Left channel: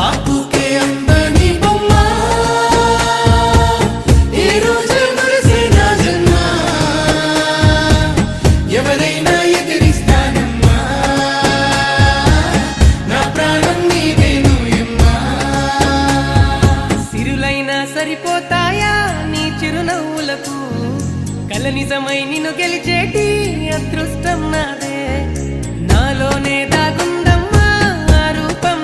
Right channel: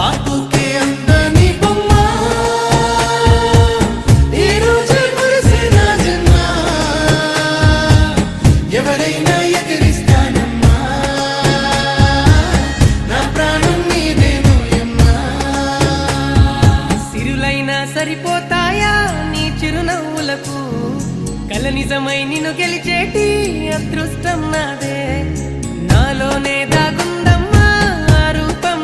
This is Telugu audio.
బాపుకే అందని బొమ్మ ఈ రోజే మురిసే నా జన్మ ఎవరైనా ఎదిరిస్తానమ్మా నా ప్రాణం నీదేను ఎమ్మా సిరులైనా సరిపోతాయా నీ చిరునవ్వులకు కల నిజమై నిన్ను గెలిచేటి అదృష్టం నాదే నాలోనే దాగుందమ్మా ఆ రూపం